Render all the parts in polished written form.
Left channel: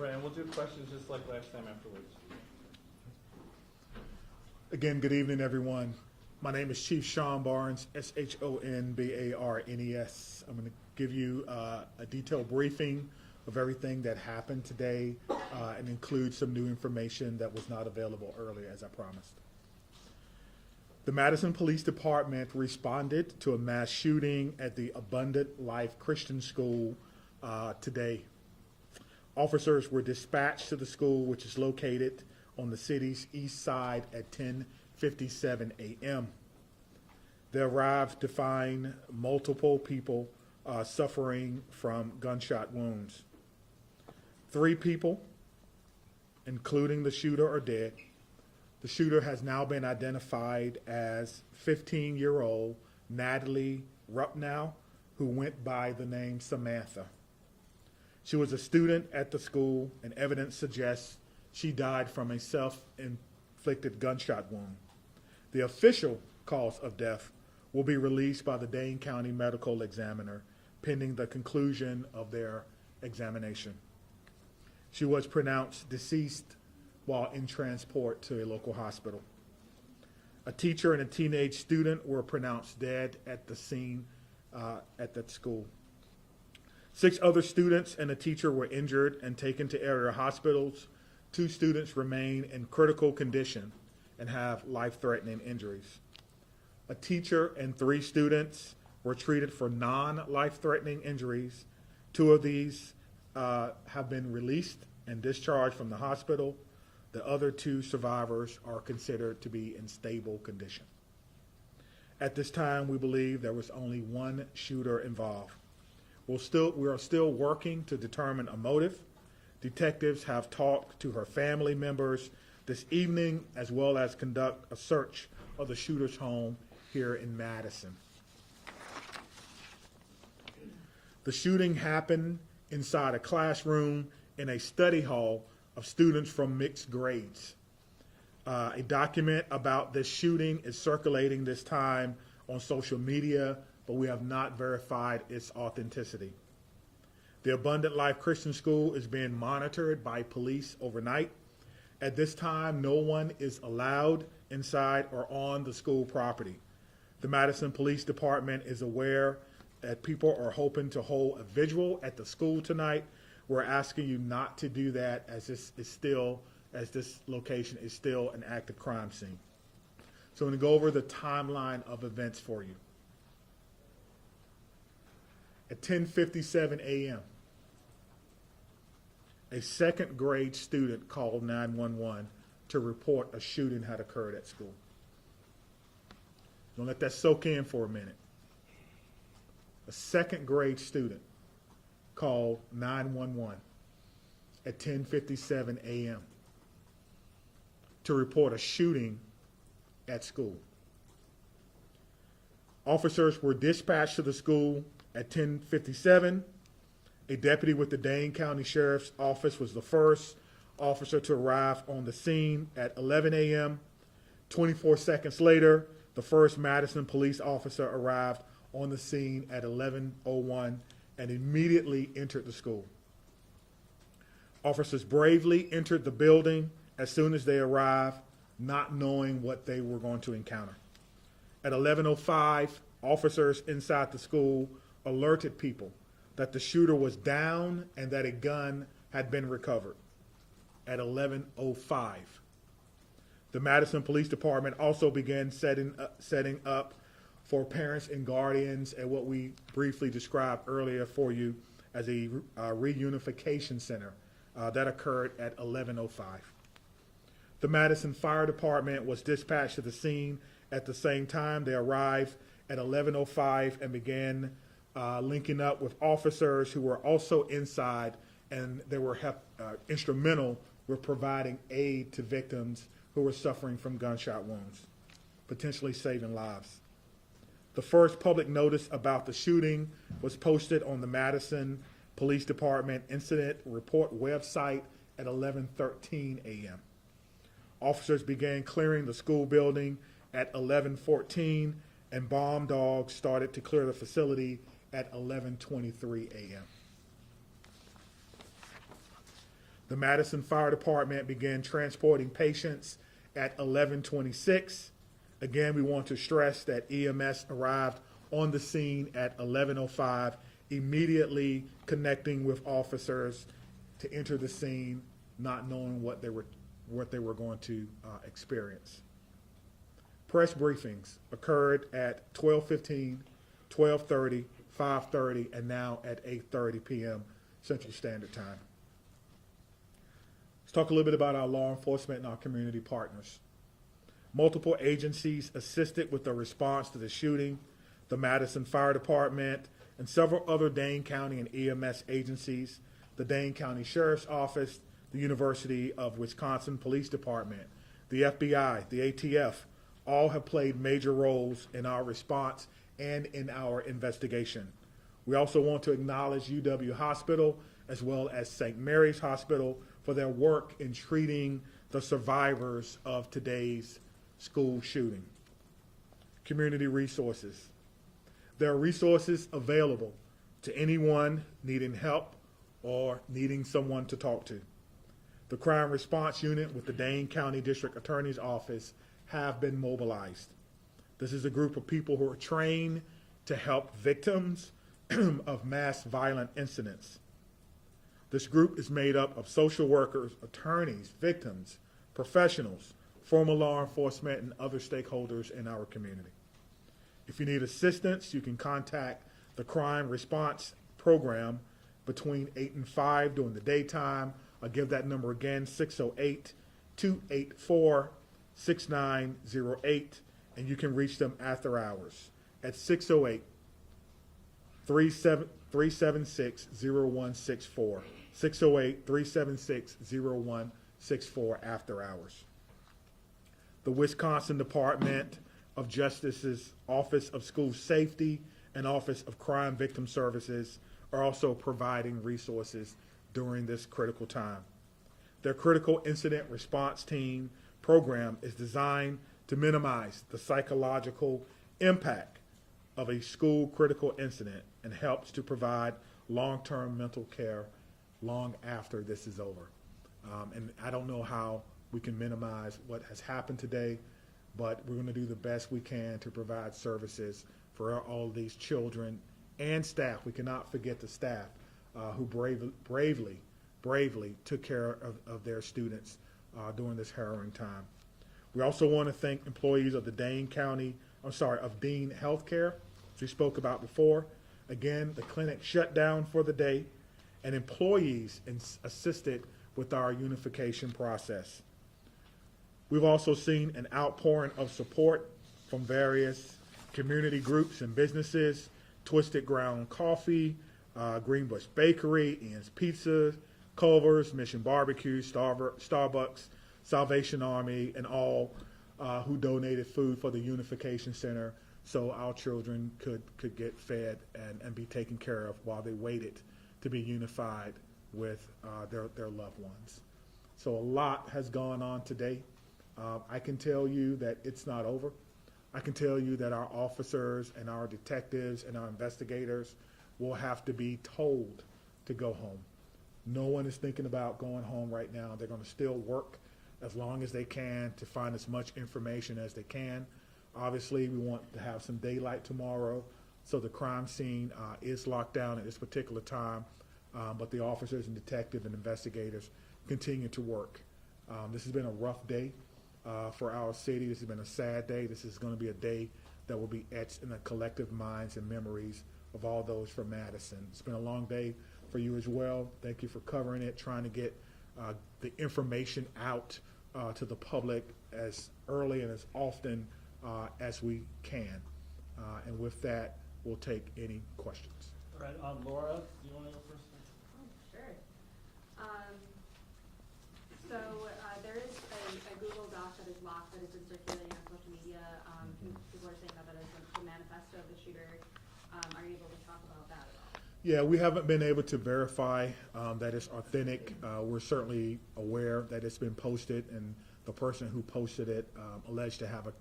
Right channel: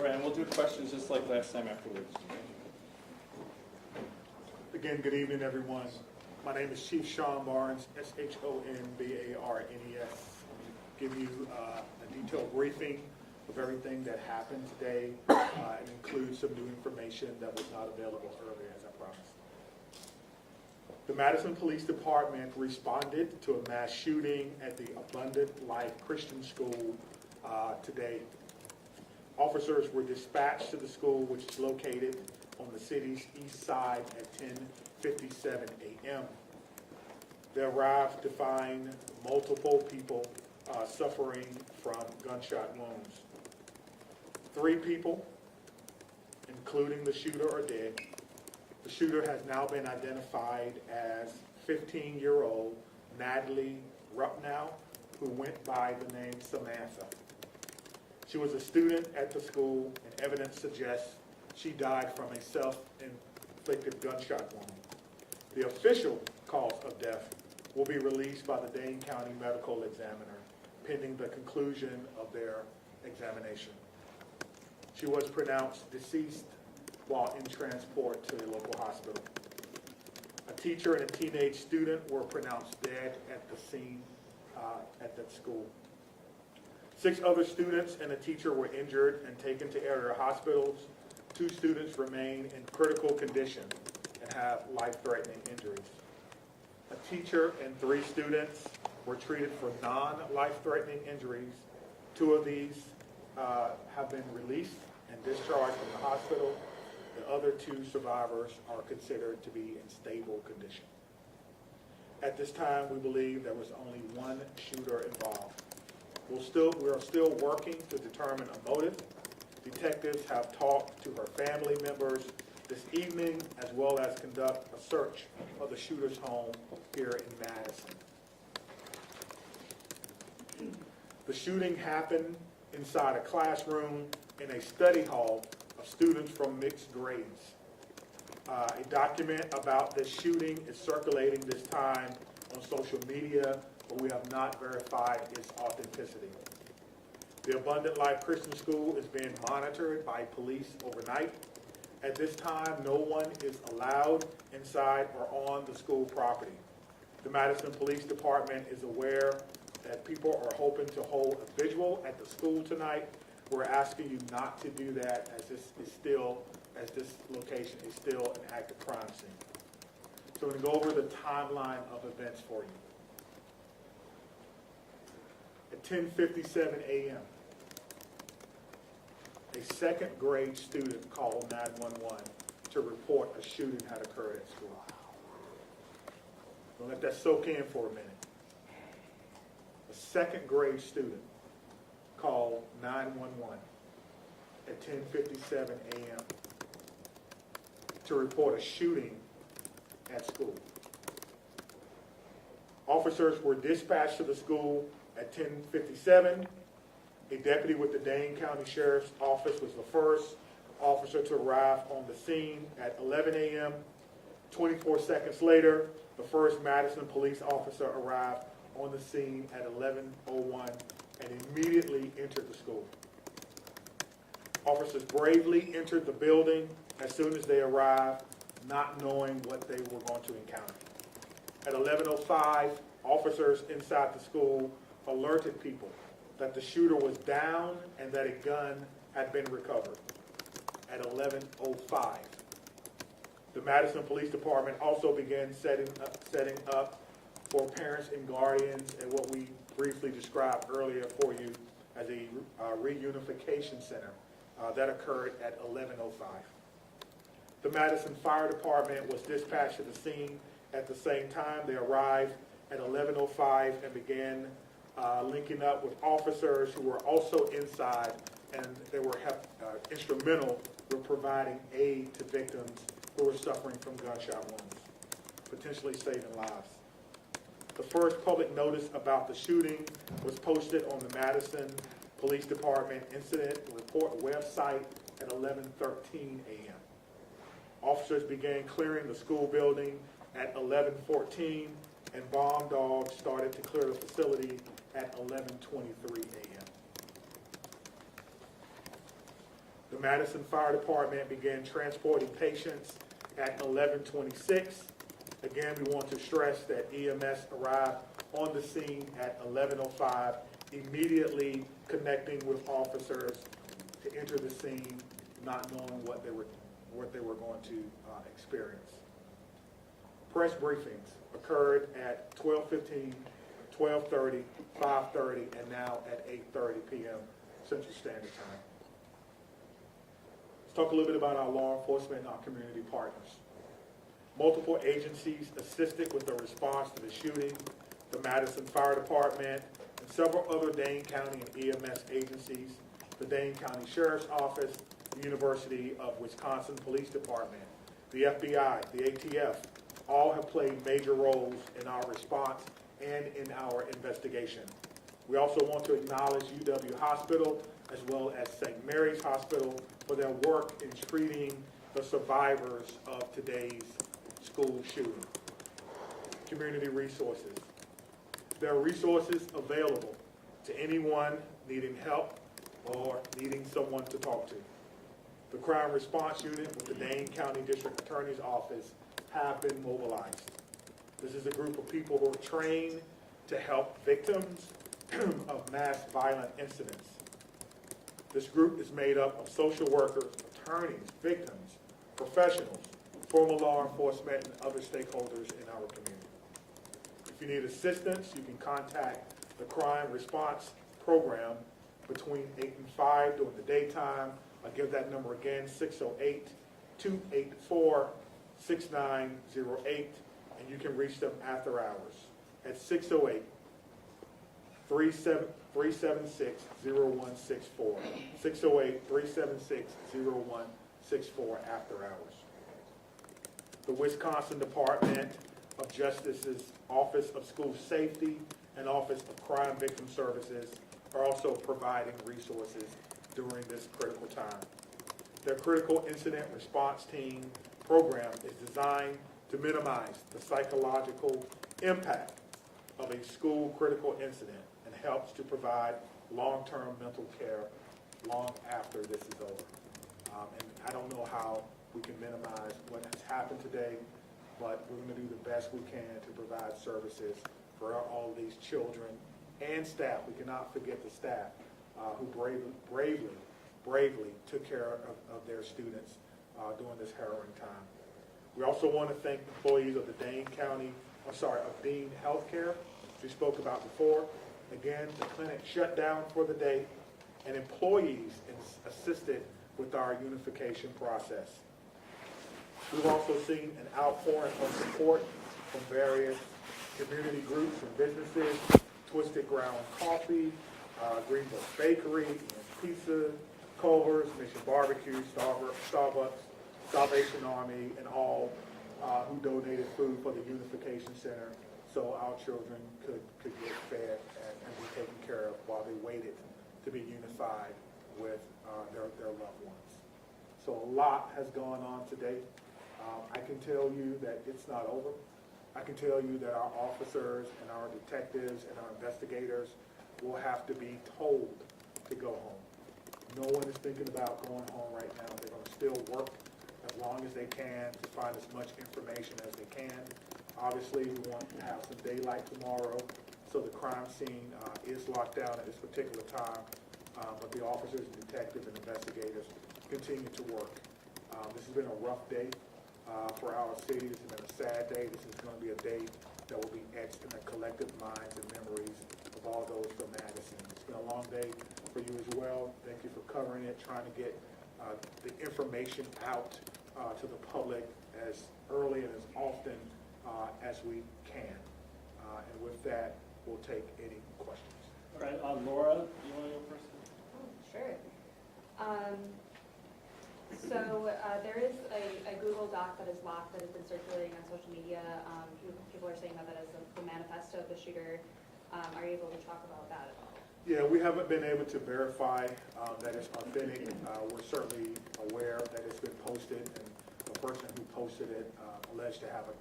Right, and we'll do questions just like last time afterwards. Again, good evening, everyone. My name is Chief Sean Barnes, S-H-O-N-B-A-R-N-E-S. I'm going to give you a detailed briefing of everything that happened today and include some new information that was not available earlier, as I promised. The Madison Police Department responded to a mass shooting at the Abundant Life Christian School today. Officers were dispatched to the school, which is located on the city's east side at 10:57 a.m. They arrived to find multiple people suffering from gunshot wounds. 3 people, including the shooter, are dead. The shooter has now been identified as 15-year-old Natalie Rupnow, who went by the name Samantha. She was a student at the school, and evidence suggests she died from a self-inflicted gunshot wound. The official cause of death will be released by the Dane County Medical Examiner pending the conclusion of their examination. She was pronounced deceased while in transport to a local hospital. A teacher and a teenage student were pronounced dead at the scene at that school. 6 other students and a teacher were injured and taken to area hospitals. 2 students remain in critical condition and have life-threatening injuries. A teacher and 3 students were treated for non-life-threatening injuries. 2 of these have been released and discharged from the hospital. The other 2 survivors are considered to be in stable condition. At this time, we believe there was only 1 shooter involved. We are still working to determine a motive. Detectives have talked to her family members this evening, as well as conduct a search of the shooter's home here in Madison. The shooting happened inside a classroom in a study hall of students from mixed grades. A document about this shooting is circulating this time on social media, but we have not verified its authenticity. The Abundant Life Christian School is being monitored by police overnight. At this time, no one is allowed inside or on the school property. The Madison Police Department is aware that people are hoping to hold a vigil at the school tonight. We're asking you not to do that, as this location is still an active crime scene. So I'm going to go over the timeline of events for you. At 10:57 a.m., a second grade student called 911 to report a shooting had occurred at school. I'm going to let that soak in for a minute. A second grade student called 911 at 10:57 a.m. to report a shooting at school. Officers were dispatched to the school at 10:57. A deputy with the Dane County Sheriff's Office was the first officer to arrive on the scene at 11 a.m. 24 seconds later, the first Madison police officer arrived on the scene at 11:01 and immediately entered the school. Officers bravely entered the building as soon as they arrived, not knowing what they were going to encounter. At 11:05, officers inside the school alerted people that the shooter was down and that a gun had been recovered. At 11:05, the Madison Police Department also began setting up for parents and guardians at what we briefly described earlier for you as a reunification center that occurred at 11:05. The Madison Fire Department was dispatched to the scene at the same time. They arrived at 11:05 and began linking up with officers who were also inside, and they were instrumental with providing aid to victims who were suffering from gunshot wounds, potentially saving lives. The first public notice about the shooting was posted on the Madison Police Department Incident Report website at 11:13 a.m. Officers began clearing the school building at 11:14, and bomb dogs started to clear the facility at 11:23 a.m. The Madison Fire Department began transporting patients at 11:26. Again, we want to stress that EMS arrived on the scene at 11:05, immediately connecting with officers to enter the scene, not knowing what they were going to experience. Press briefings occurred at 12:15, 12:30, 5:30, and now at 8:30 p.m. Central Standard Time. Let's talk a little bit about our law enforcement and our community partners. Multiple agencies assisted with the response to the shooting. The Madison Fire Department and several other Dane County and EMS agencies, the Dane County Sheriff's Office, the University of Wisconsin Police Department, the FBI, the ATF, all have played major roles in our response and in our investigation. We also want to acknowledge UW Hospital as well as St. Mary's Hospital for their work in treating the survivors of today's school shooting. Community resources. There are resources available to anyone needing help or needing someone to talk to. The Crime Response Unit with the Dane County District Attorney's Office have been mobilized. This is a group of people who are trained to help victims of mass violent incidents. This group is made up of social workers, attorneys, victims, professionals, former law enforcement, and other stakeholders in our community. If you need assistance, you can contact the Crime Response Program between 8 and 5 during the daytime. I'll give that number again, 608-284-6908, and you can reach them after hours at 608-376-0164, 608-376-0164 after hours. The Wisconsin Department of Justice's Office of School Safety and Office of Crime Victim Services are also providing resources during this critical time. Their Critical Incident Response Team program is designed to minimize the psychological impact of a school critical incident and helps to provide long-term mental care long after this is over. And I don't know how we can minimize what has happened today, but we're going to do the best we can to provide services for all these children and staff. We cannot forget the staff who bravely took care of their students during this harrowing time. We also want to thank employees of the Dean Healthcare, as we spoke about before. Again, the clinic shut down for the day, and employees assisted with our unification process. We've also seen an outpouring of support from various community groups and businesses: Twisted Ground Coffee, Greenbush Bakery, Ian's Pizza, Culver's, Mission Barbecue, Starbucks, Salvation Army, and all who donated food for the Unification Center so our children could get fed and be taken care of while they waited to be unified with their loved ones. So a lot has gone on today. I can tell you that it's not over. I can tell you that our officers and our detectives and our investigators will have to be told to go home. No one is thinking about going home right now. They're going to still work as long as they can to find as much information as they can. Obviously, we want to have some daylight tomorrow, so the crime scene is locked down at this particular time, but the officers and detectives and investigators continue to work. This has been a rough day for our city. This has been a sad day. This is going to be a day that will be etched in the collective minds and memories of all those from Madison. It's been a long day for you as well. Thank you for covering it, trying to get the information out to the public as early and as often as we can. And with that, we'll take any questions. All right, Laura, you want to go first? Oh, sure. So there is a Google Doc that is locked that has been circulating on social media. People are saying that is the manifesto of the shooter. Are you able to talk about that at all? Yeah, we haven't been able to verify that it's authentic. We're certainly aware that it's been posted, and the person who posted it alleged to have a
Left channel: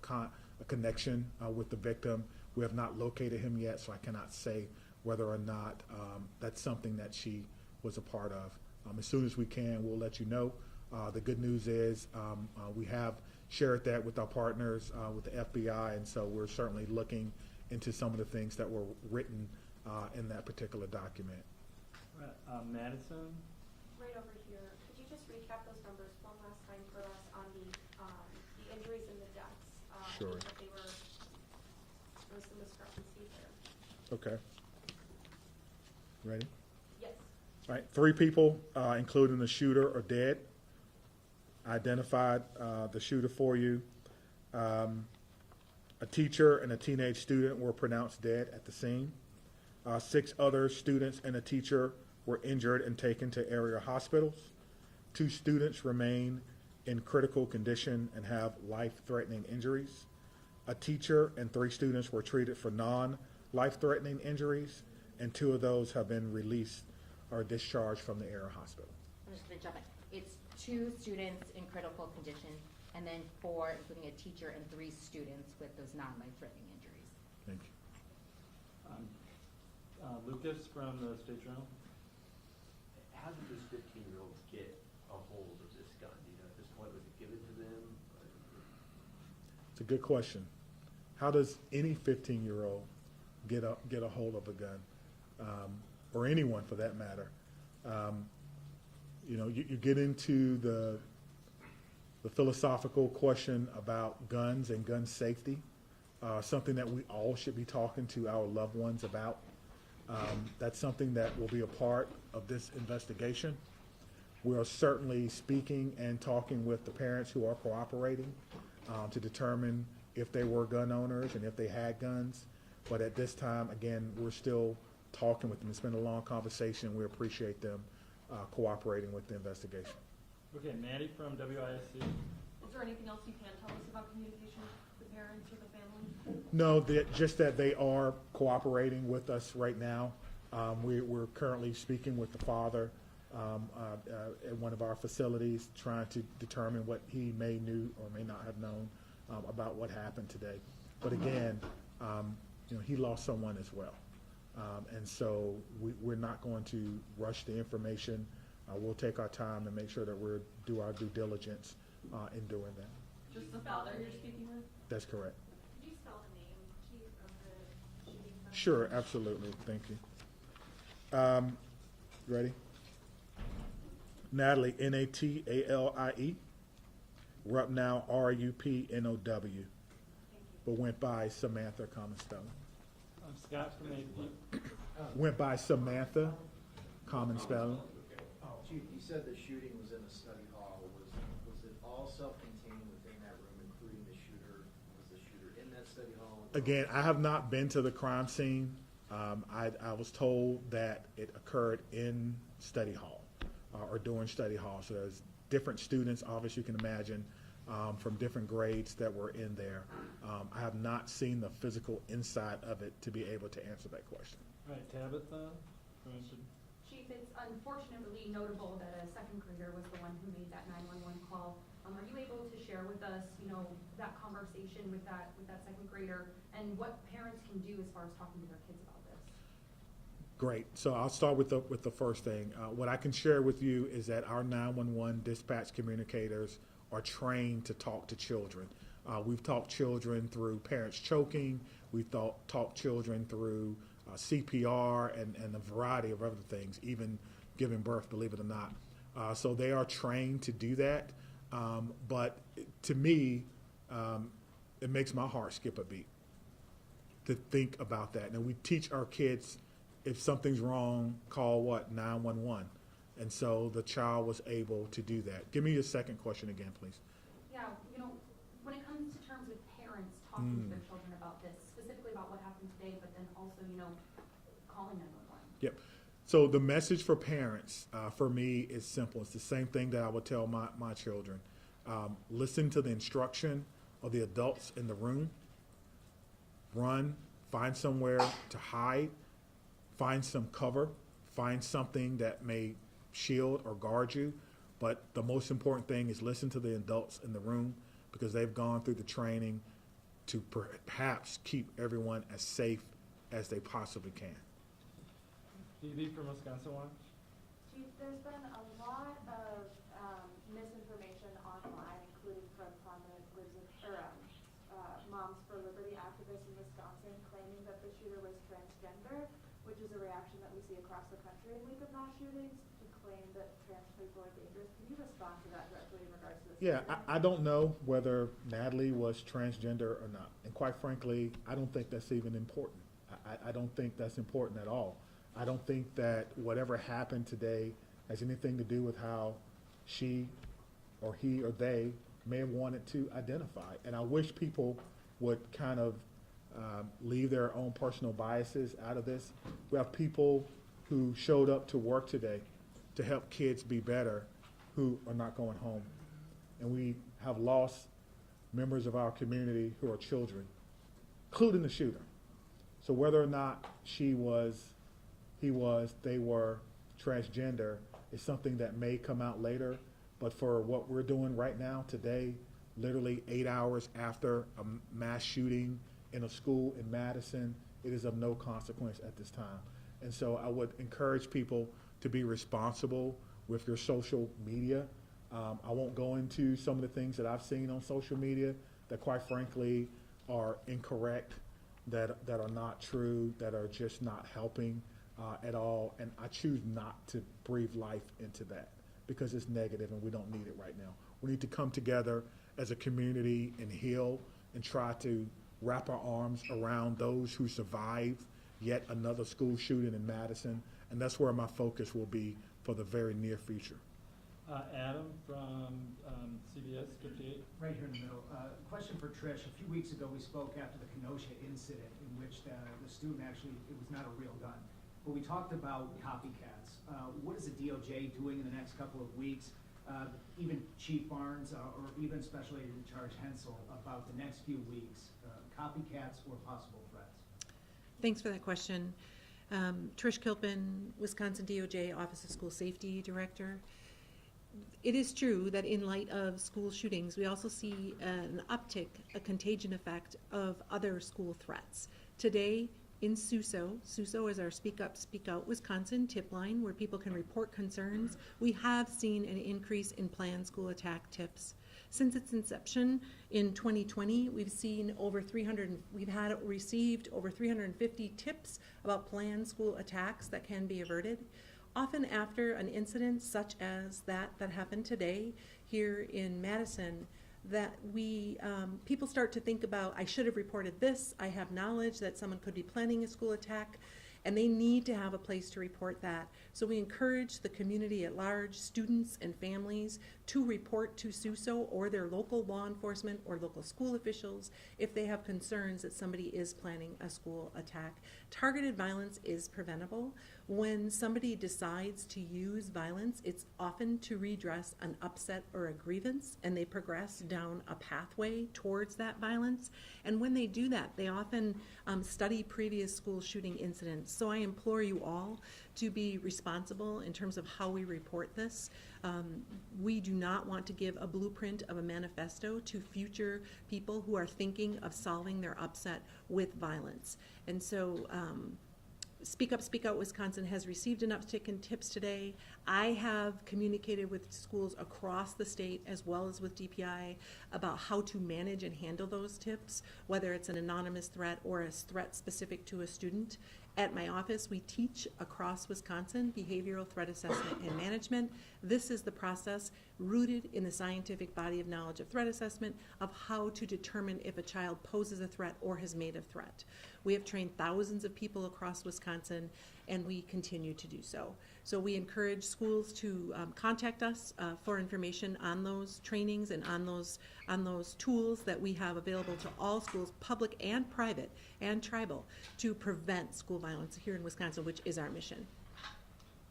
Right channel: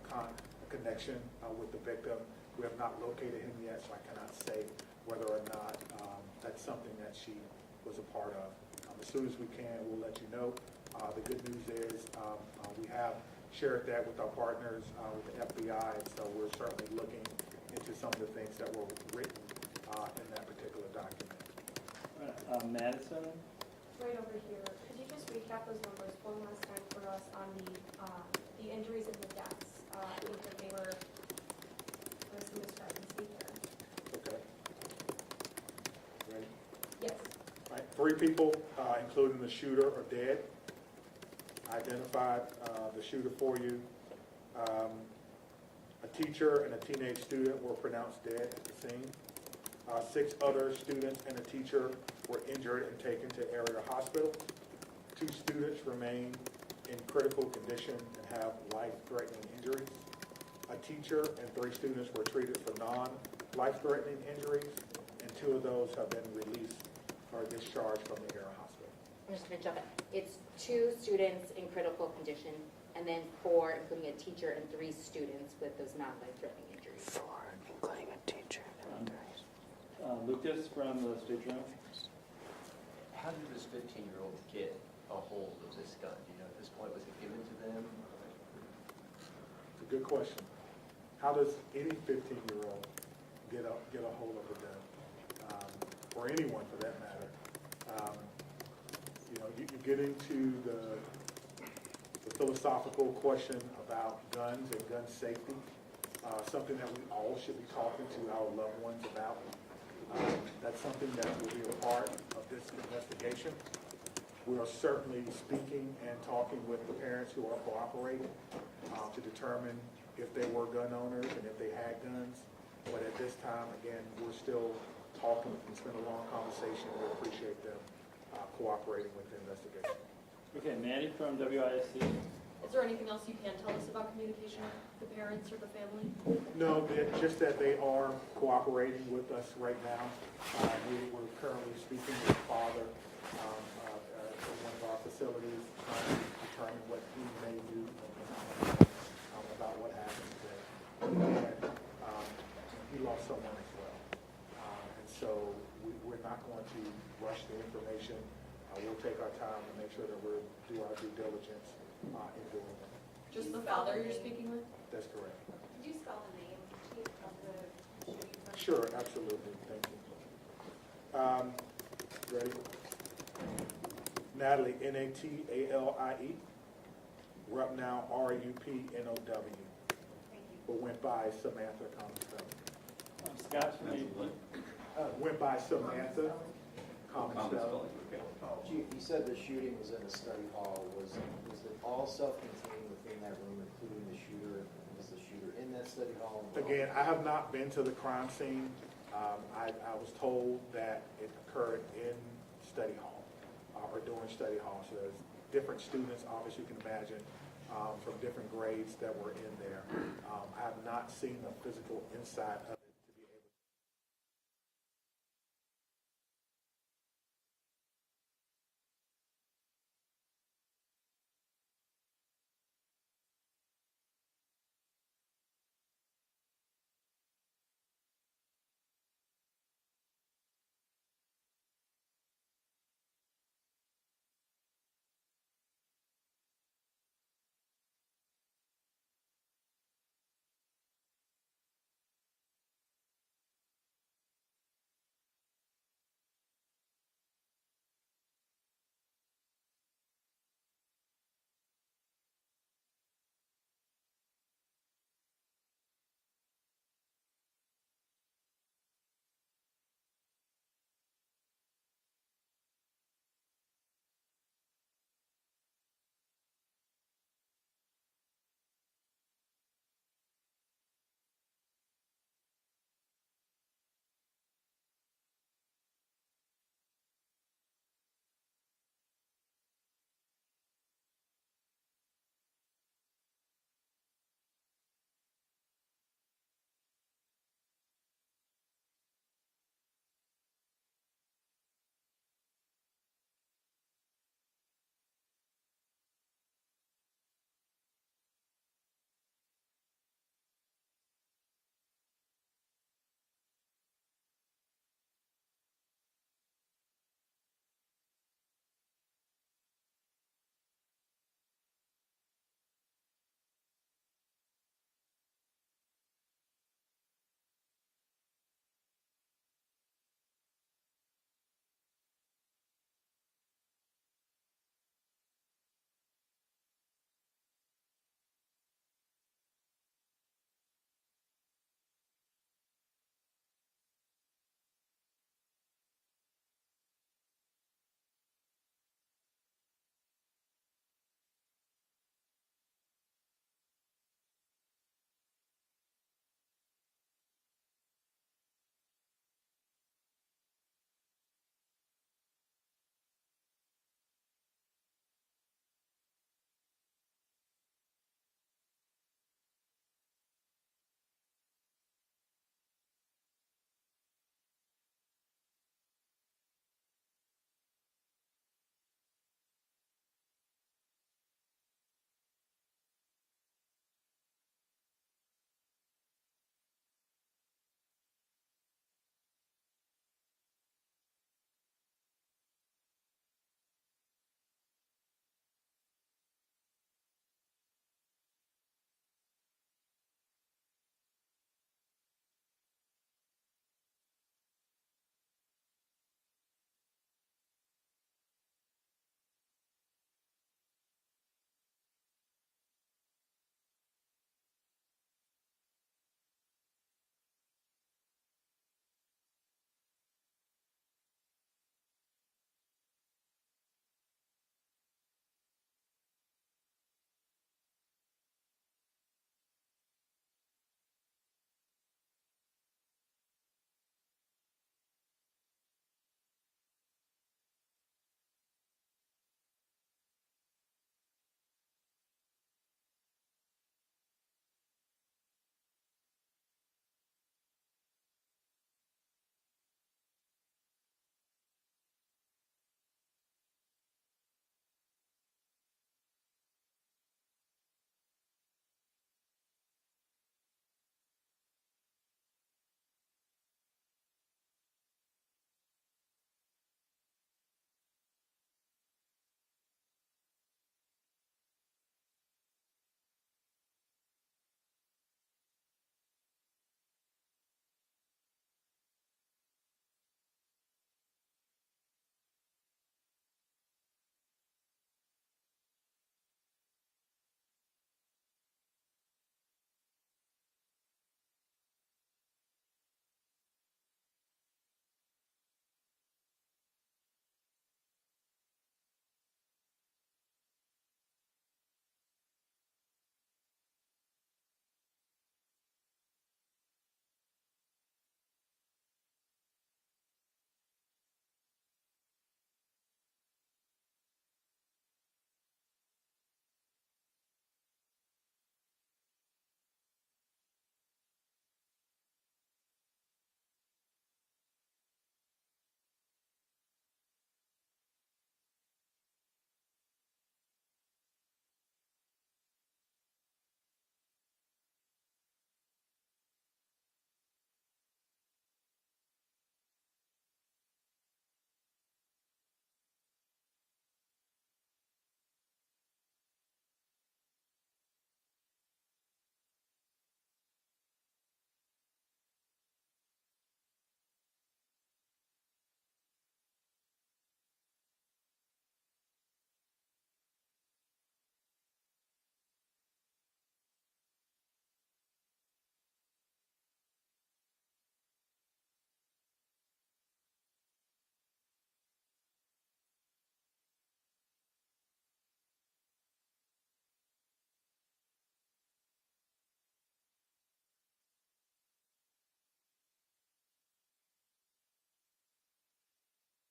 connection with the victim. We have not located him yet, so I cannot say whether or not that's something that she was a part of. As soon as we can, we'll let you know. The good news is we have shared that with our partners, with the FBI, and so we're certainly looking into some of the things that were written in that particular document. Madison? Right over here, could you just recap those numbers one last time for us on the injuries and the deaths? Sure. I think that there was some discrepancy there. Okay. Ready? Yes. All right, 3 people, including the shooter, are dead. Identified the shooter for you. A teacher and a teenage student were pronounced dead at the scene. 6 other students and a teacher were injured and taken to area hospitals. 2 students remain in critical condition and have life-threatening injuries. A teacher and 3 students were treated for non-life-threatening injuries, and 2 of those have been released or discharged from the area hospital. I'm just gonna jump in. It's 2 students in critical condition, and then 4, including a teacher, and 3 students with those non-life-threatening injuries. Including a teacher. Lucas from the state journal? How did this 15-year-old get a hold of this gun? Do you know at this point, was it given to them? It's a good question. How does any 15-year-old get a hold of a gun, or anyone for that matter? You get into the philosophical question about guns and gun safety, something that we all should be talking to our loved ones about. That's something that will be a part of this investigation. We are certainly speaking and talking with the parents who are cooperating to determine if they were gun owners and if they had guns. But at this time, again, we're still talking with them. It's been a long conversation. We appreciate them cooperating with the investigation. Okay, Maddie from WISC? Is there anything else you can tell us about communication with the parents or the family? No, just that they are cooperating with us right now. We're currently speaking with the father in one of our facilities, trying to determine what he may knew or may not have known about what happened today. But again, he lost someone as well. And so we're not going to rush the information. We'll take our time to make sure that we do our due diligence in doing that. Just the father you're speaking with? That's correct. Could you spell the name, Chief, of the shooting? Sure, absolutely. Thank you. Ready? Natalie, Natalie. Rupnow, Rupnow. But went by Samantha, common spelling. Scott from AP? Went by Samantha, common spelling. Chief, you said the shooting was in a study hall. Was it all self-contained within that room, including the shooter? Was the shooter in that study hall? Again, I have not been to the crime scene. I was told that it occurred in study hall or during study hall. So there's different students, obviously you can imagine, from different grades that were in there. I have not seen the physical inside of it to be able to answer that question. All right, Tabitha from Chief, it's unfortunately notable that a second grader was the one who made that 911 call. Are you able to share with us, that conversation with that second grader and what parents can do as far as talking to their kids about this? Great. So I'll start with the first thing. What I can share with you is that our 911 dispatch communicators are trained to talk to children. We've talked children through parents choking. We've talked children through CPR and a variety of other things, even giving birth, believe it or not. So they are trained to do that. But to me, it makes my heart skip a beat to think about that. Now we teach our kids, if something's wrong, call what? 911. And so the child was able to do that. Give me your second question again, please. Yeah, when it comes to terms with parents talking to their children about this, specifically about what happened today, but then also, calling 911. Yep. So the message for parents, for me, is simple. It's the same thing that I would tell my children. Listen to the instruction of the adults in the room. Run, find somewhere to hide, find some cover, find something that may shield or guard you. But the most important thing is listen to the adults in the room, because they've gone through the training to perhaps keep everyone as safe as they possibly can. Phoebe from Wisconsin Watch? Chief, Chief, there's been a lot of misinformation online, including from prominent Moms for Liberty activists in Wisconsin, claiming that the shooter was transgender, which is a reaction that we see across the country in wake of mass shootings, to claim that trans people are dangerous. Can you respond to that directly in regards to this? Yeah, I don't know whether Natalie was transgender or not. And quite frankly, I don't think that's even important. I don't think that's important at all. I don't think that whatever happened today has anything to do with how she or he or they may have wanted to identify. And I wish people would kind of leave their own personal biases out of this. We have people who showed up to work today to help kids be better who are not going home. And we have lost members of our community who are children, including the shooter. So whether or not she was, he was, they were transgender is something that may come out later. But for what we're doing right now, today, literally 8 hours after a mass shooting in a school in Madison, it is of no consequence at this time. And so I would encourage people to be responsible with your social media. I won't go into some of the things that I've seen on social media that quite frankly are incorrect, that are not true, that are just not helping at all. And I choose not to breathe life into that because it's negative and we don't need it right now. We need to come together as a community and heal and try to wrap our arms around those who survived yet another school shooting in Madison. And that's where my focus will be for the very near future. Adam from CBS 58. Right here in the middle. Question for Trish. A few weeks ago, we spoke after the Kenosha incident in which the student actually, it was not a real gun. But we talked about copycats. What is the DOJ doing in the next couple of weeks? Even Chief Barnes or even Special Agent in Charge Hensel about the next few weeks, copycats or possible threats? Thanks for that question. Trish Kilpin, Wisconsin DOJ Office of School Safety Director. It is true that in light of school shootings, we also see an uptick, a contagion effect of other school threats. Today in Suso is our Speak Up, Speak Out Wisconsin tip line where people can report concerns. We have seen an increase in planned school attack tips. Since its inception in 2020, we've received over 350 tips about planned school attacks that can be averted. Often after an incident such as that happened today here in Madison, that people start to think about, I should have reported this, I have knowledge that someone could be planning a school attack, and they need to have a place to report that. So we encourage the community at large, students and families, to report to SUSO or their local law enforcement or local school officials if they have concerns that somebody is planning a school attack. Targeted violence is preventable. When somebody decides to use violence, it's often to redress an upset or a grievance, and they progress down a pathway towards that violence. And when they do that, they often study previous school shooting incidents. So I implore you all to be responsible in terms of how we report this. We do not want to give a blueprint of a manifesto to future people who are thinking of solving their upset with violence. And so Speak Up, Speak Out Wisconsin has received an uptick in tips today. I have communicated with schools across the state as well as with DPI about how to manage and handle those tips, whether it's an anonymous threat or a threat specific to a student. At my office, we teach across Wisconsin behavioral threat assessment and management. This is the process rooted in the scientific body of knowledge of threat assessment of how to determine if a child poses a threat or has made a threat. We have trained thousands of people across Wisconsin, and we continue to do so. So we encourage schools to contact us for information on those trainings and on those tools that we have available to all schools, public and private and tribal, to prevent school violence here in Wisconsin, which is our mission.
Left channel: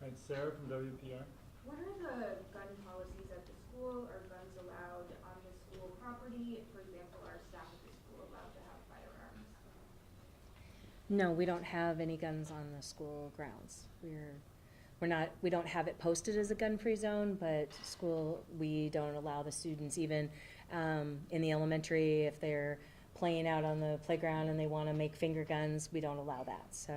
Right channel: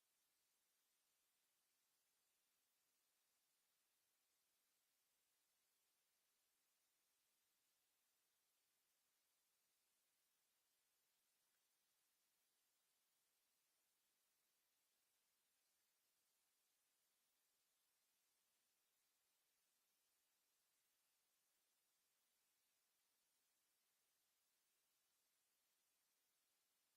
All right, Sarah from WPR. What are the gun policies at the school? Are guns allowed on the school property? For example, are staff at the school allowed to have firearms? No, we don't have any guns on the school grounds. We don't have it posted as a gun-free zone, but we don't allow the students even in the elementary, if they're playing out on the playground and they want to make finger guns, we don't allow that. So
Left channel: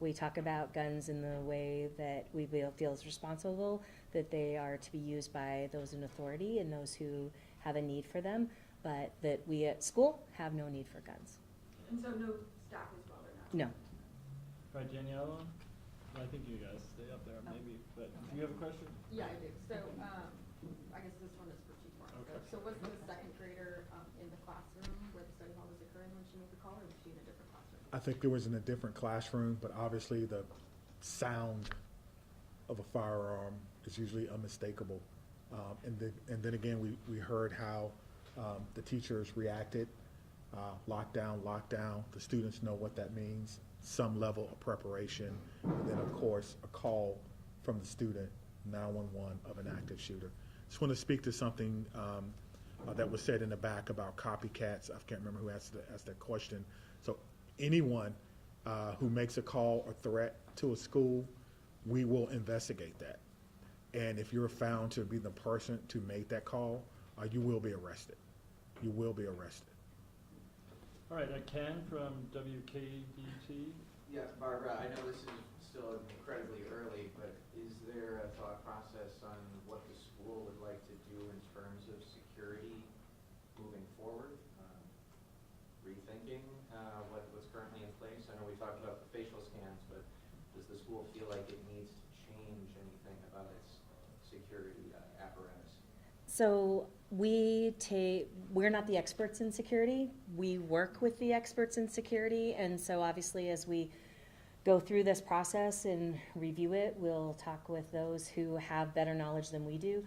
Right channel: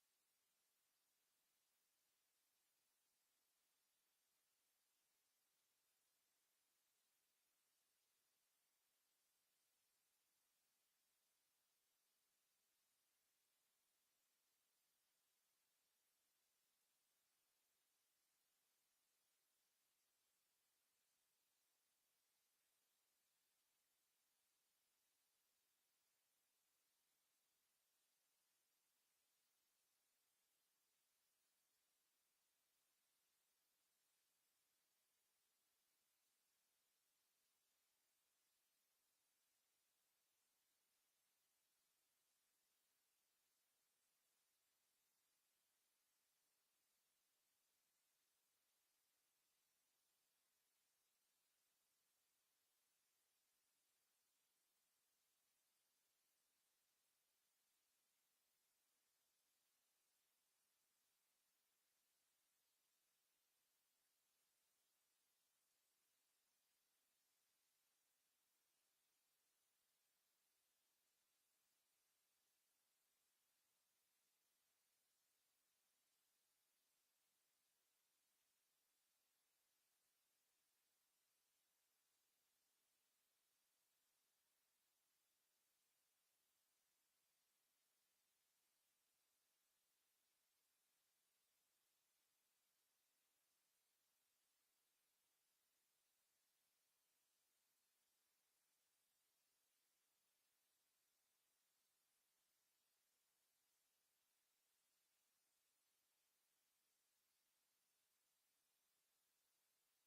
We talk about guns in the way that we feel is responsible, that they are to be used by those in authority and those who have a need for them, but that we at school have no need for guns. And so no staff as well, or not? No. All right, Daniela, I think you guys stay up there maybe, but do you have a question? Yeah, I do. So, I guess this one is for Chief Martin. Okay. So was the second grader in the classroom where the study hall was occurring when she made the call, or was she in a different classroom? I think there was in a different classroom, but obviously the sound of a firearm is usually unmistakable. And then again, we heard how the teachers reacted, lockdown. The students know what that means, some level of preparation, and then of course a call from the student, 911 of an active shooter. Just want to speak to something that was said in the back about copycats. I can't remember who asked that question. So anyone who makes a call or threat to a school, we will investigate that. And if you're found to be the person to make that call, you will be arrested. You will be arrested. All right, Ken from WKDT. Yeah, Barbara, I know this is still incredibly early, but is there a thought process on what the school would like to do in terms of security moving forward? Rethinking what's currently in place? I know we talked about the facial scans, but does the school feel like it needs to change anything about its security apparatus? So we're not the experts in security. We work with the experts in security, and so obviously as we go through this process and review it, we'll talk with those who have better knowledge than we do.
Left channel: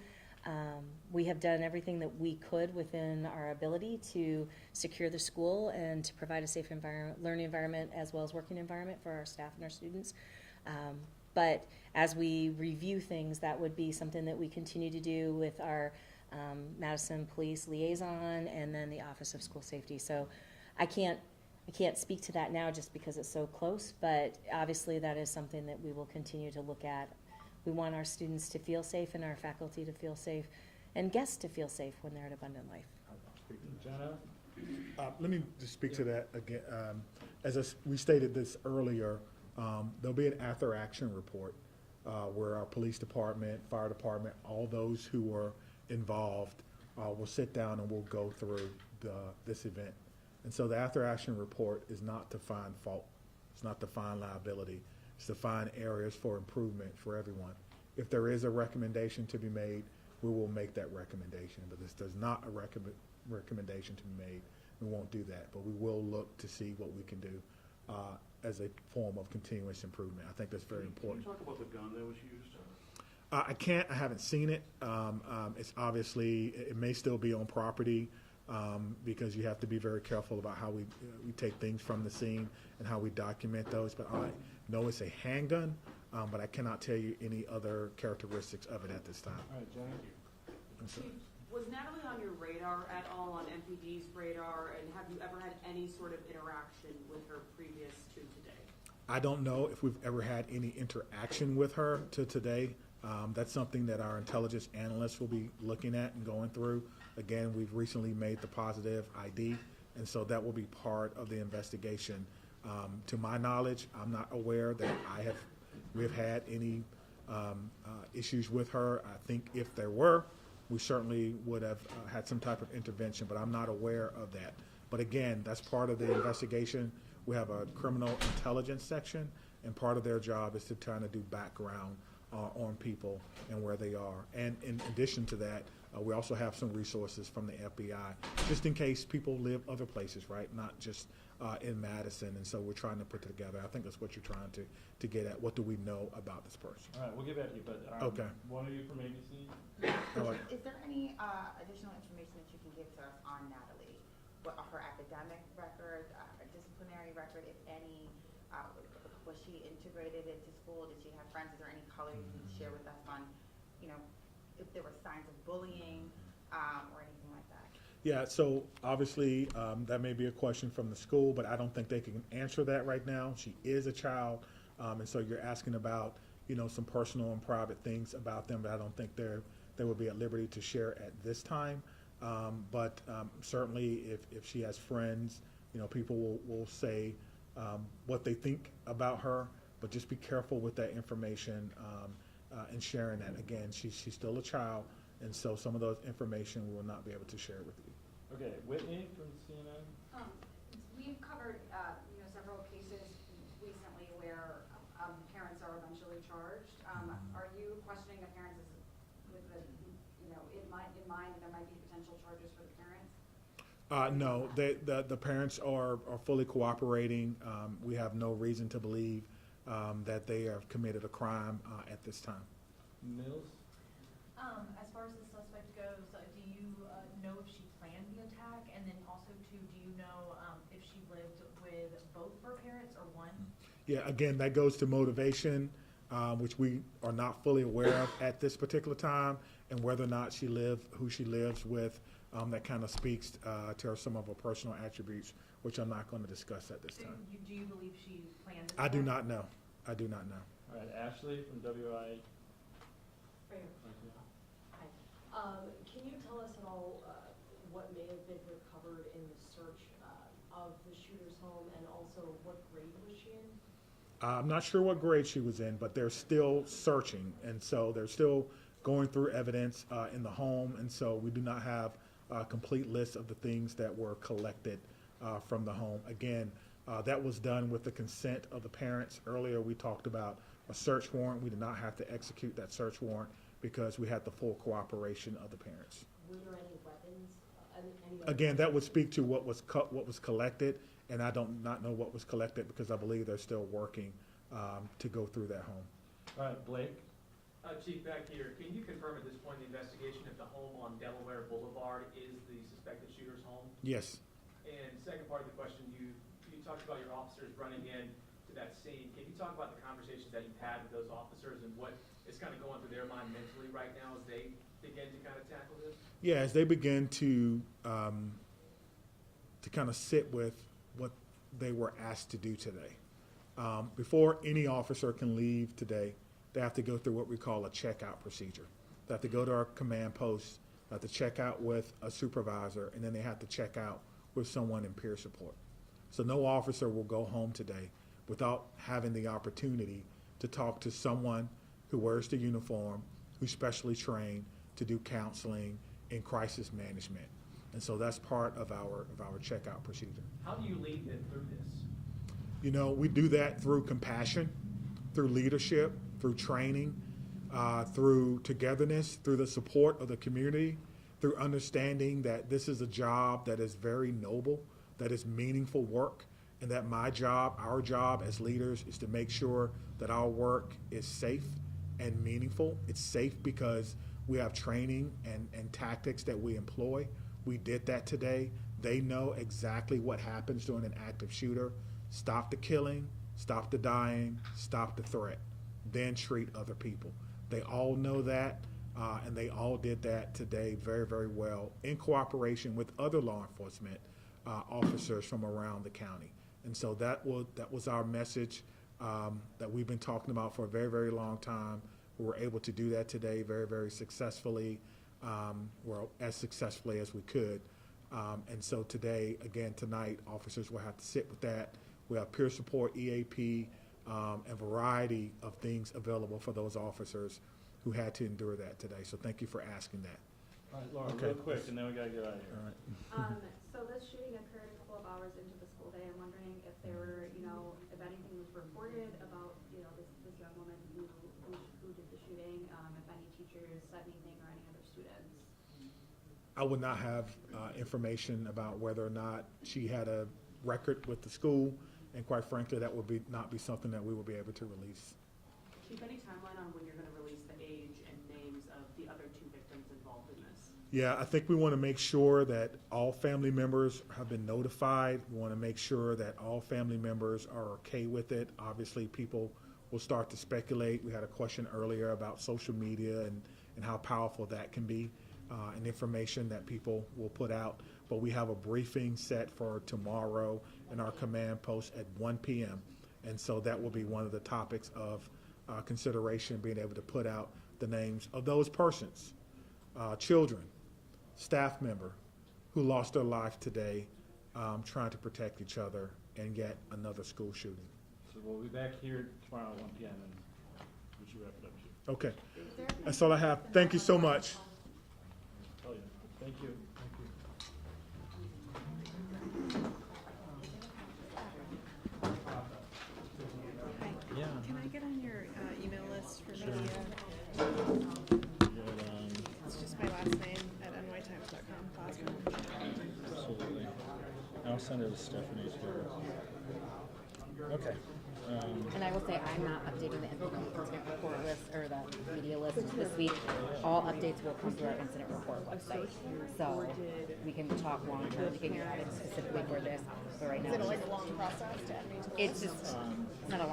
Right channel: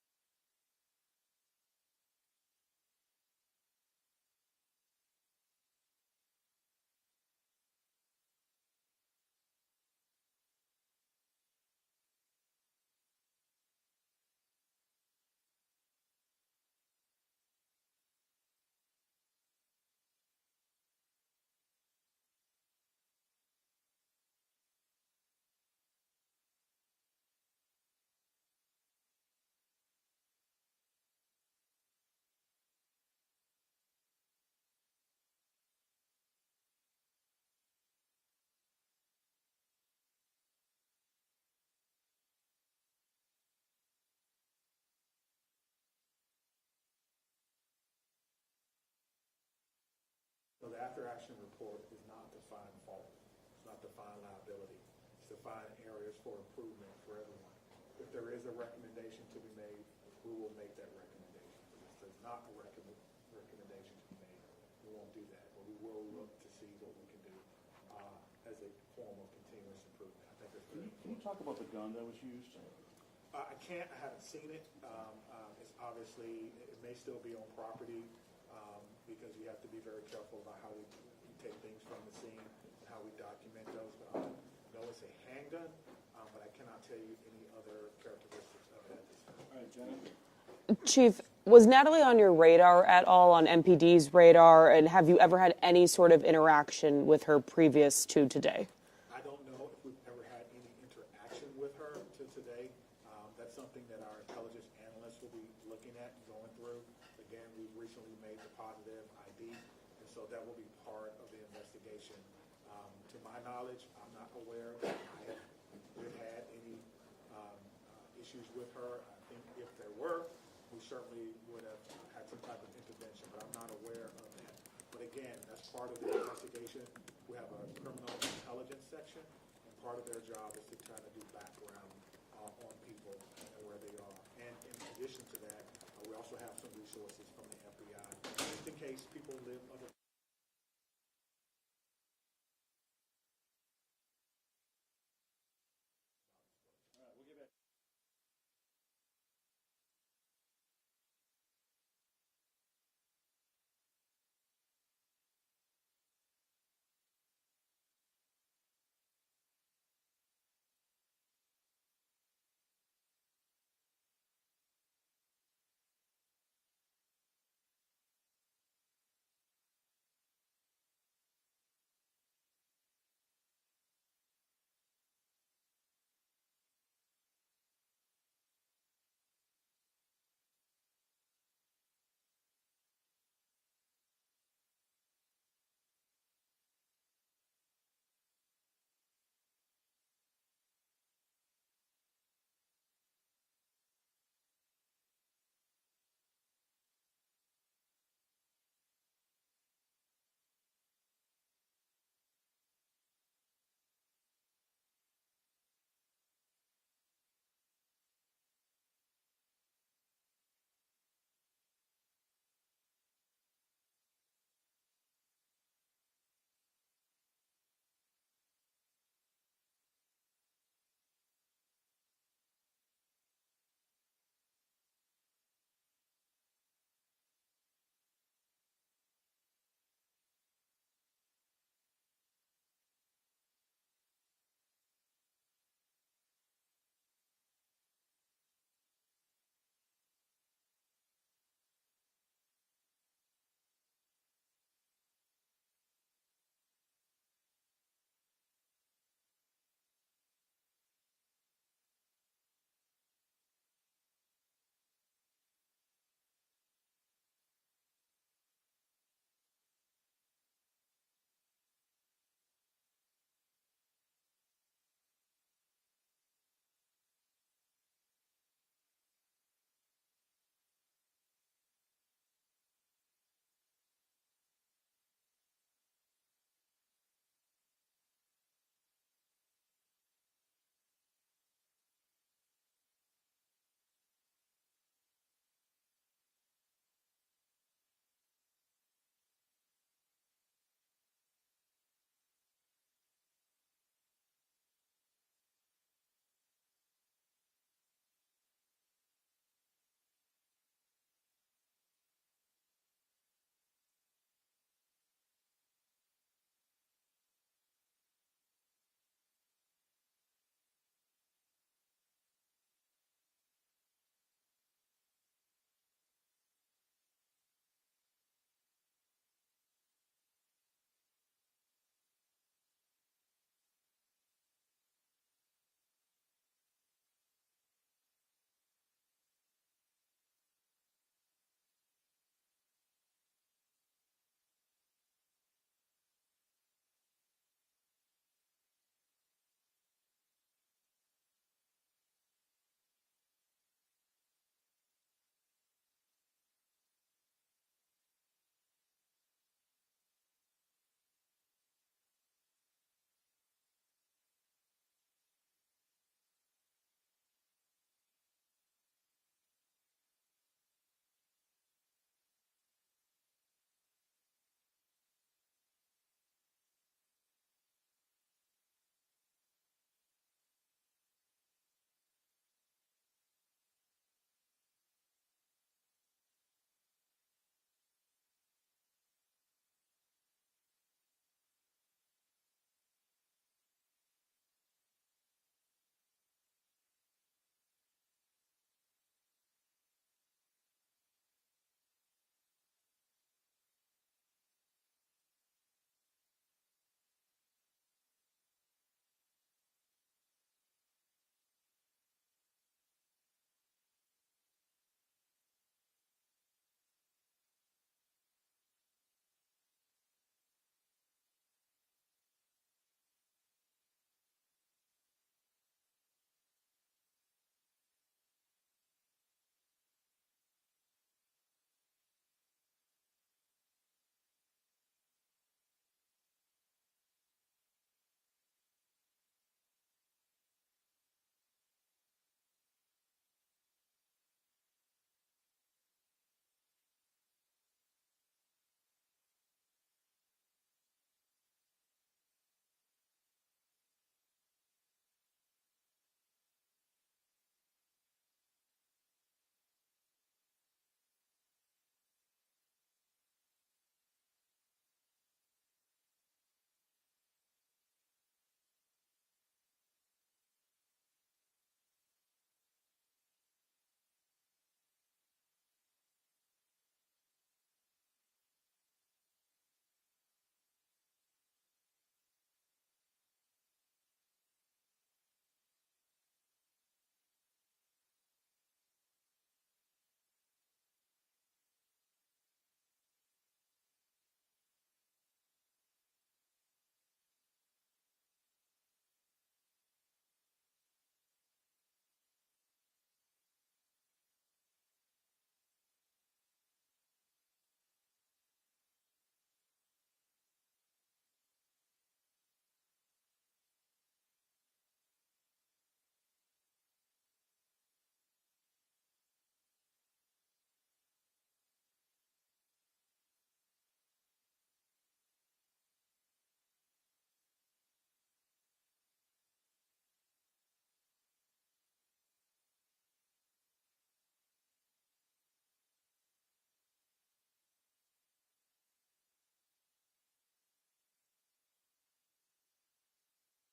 We have done everything that we could within our ability to secure the school and to provide a safe learning environment as well as working environment for our staff and our students. But as we review things, that would be something that we continue to do with our Madison Police Liaison and then the Office of School Safety. So I can't speak to that now just because it's so close, but obviously that is something that we will continue to look at. We want our students to feel safe and our faculty to feel safe and guests to feel safe when they're at Abundant Life. Jenna? Let me just speak to that again. We stated this earlier, there'll be an after-action report where our police department, fire department, all those who were involved will sit down and we'll go through this event. And so the after-action report is not to find fault. It's not to find liability. It's to find areas for improvement for everyone. If there is a recommendation to be made, we will make that recommendation. But if there's not a recommendation to be made, we won't do that. But we will look to see what we can do as a form of continuous improvement. I think that's very important. Can you talk about the gun that was used? I can't. I haven't seen it. It's obviously, it may still be on property because you have to be very careful about how we take things from the scene and how we document those. But I know it's a handgun, but I cannot tell you any other characteristics of it at this time. All right, John? Chief, was Natalie on your radar at all, on MPD's radar, and have you ever had any sort of interaction with her previous to today? I don't know if we've ever had any interaction with her to today. That's something that our intelligence analysts will be looking at and going through. Again, we've recently made the positive ID, and so that will be part of the investigation. To my knowledge, I'm not aware that we have had any issues with her. I think if there were, we certainly would have had some type of intervention, but I'm not aware of that. But again, that's part of the investigation. We have a criminal intelligence section, and part of their job is to try to do background on people and where they are. And in addition to that, we also have some resources from the FBI, just in case people live other places, right? Not just in Madison. And so we're trying to put it together. I think that's what you're trying to get at. What do we know about this person? All right, we'll get back to you, but Okay. one of you from ABC? Is there any additional information that you can give to us on Natalie? What her academic record, disciplinary record, if any? Was she integrated into school? Did she have friends? Is there any color you can share with us on, if there were signs of bullying or anything like that? Yeah, so obviously that may be a question from the school, but I don't think they can answer that right now. She is a child, and so you're asking about, some personal and private things about them, but I don't think they would be at liberty to share at this time. But certainly if she has friends, people will say what they think about her. but just be careful with that information and sharing that. Again, she's still a child, and so some of those information we will not be able to share with you. Okay, Whitney from CNN. We've covered, several cases recently where parents are eventually charged. Are you questioning the parents with the, in mind there might be potential charges for the parents? No, the parents are fully cooperating. We have no reason to believe that they have committed a crime at this time. Mills? As far as the suspect goes, do you know if she planned the attack? And then also too, do you know if she lived with both her parents or one? Yeah, again, that goes to motivation, which we are not fully aware of at this particular time, and whether or not who she lives with. That kind of speaks to some of her personal attributes, which I'm not going to discuss at this time. Do you believe she planned this? I do not know. I do not know. All right, Ashley from WI. Can you tell us at all what may have been recovered in the search of the shooter's home, and also what grade was she in? I'm not sure what grade she was in, but they're still searching, and so they're still going through evidence in the home, and so we do not have a complete list of the things that were collected from the home. Again, that was done with the consent of the parents. Earlier we talked about a search warrant. We did not have to execute that search warrant because we had the full cooperation of the parents. Were there any weapons? Again, that would speak to what was collected, and I don't not know what was collected because I believe they're still working to go through that home. All right, Blake. Chief, back here, can you confirm at this point in the investigation if the home on Delaware Boulevard is the suspected shooter's home? Yes. And second part of the question, you talked about your officers running in to that scene. Can you talk about the conversations that you've had with those officers and what is kind of going through their mind mentally right now as they begin to kind of tackle this? Yeah, as they begin to kind of sit with what they were asked to do today. Before any officer can leave today, they have to go through what we call a checkout procedure. They have to go to our command post, they have to check out with a supervisor, and then they have to check out with someone in peer support. So no officer will go home today without having the opportunity to talk to someone who wears the uniform, who's specially trained to do counseling in crisis management. And so that's part of our checkout procedure. How do you lead them through this? We do that through compassion, through leadership, through training, through togetherness, through the support of the community, through understanding that this is a job that is very noble, that is meaningful work, and that our job as leaders is to make sure that our work is safe and meaningful. It's safe because we have training and tactics that we employ. We did that today. They know exactly what happens during an active shooter. Stop the killing, stop the dying, stop the threat, then treat other people. They all know that, and they all did that today very, very well in cooperation with other law enforcement officers from around the county. And so that was our message that we've been talking about for a very, very long time. We were able to do that today very, very successfully, as successfully as we could. And so today, again, tonight, officers will have to sit with that. We have peer support, EAP, a variety of things available for those officers who had to endure that today. So thank you for asking that. All right, Laura, Okay. real quick, and then we gotta get out of here. All right. So this shooting occurred a couple of hours into the school day. I'm wondering if there were, if anything was reported about, this young woman who did the shooting, if any teachers said anything or any other students. I would not have information about whether or not she had a record with the school, and quite frankly, that would not be something that we would be able to release. Chief, any timeline on when you're going to release the age and names of the other two victims involved in this? Yeah, I think we want to make sure that all family members have been notified. We want to make sure that all family members are okay with it. Obviously, people will start to speculate. We had a question earlier about social media and how powerful that can be, and information that people will put out. But we have a briefing set for tomorrow in our command post at 1 p.m. And so that will be one of the topics of consideration, being able to put out the names of those persons, children, staff member, who lost their life today trying to protect each other, and yet another school shooting. So we'll be back here tomorrow at 1 p.m. and we should wrap it up here. Okay. That's all I have. Thank you so much. Oh, yeah. Thank you. Thank you. Hi. Can I get on your email list for Sure. media? It's just my last name at nytimes.com. Absolutely. I'll send it to Stephanie too. Okay. And I will say, I'm not updating the incident report list or the media list this week. All updates will come through our incident report website. So we can talk long term, we can get added specifically for this, but right now. Is it always a long process to add me to the It's list? just, it's not a long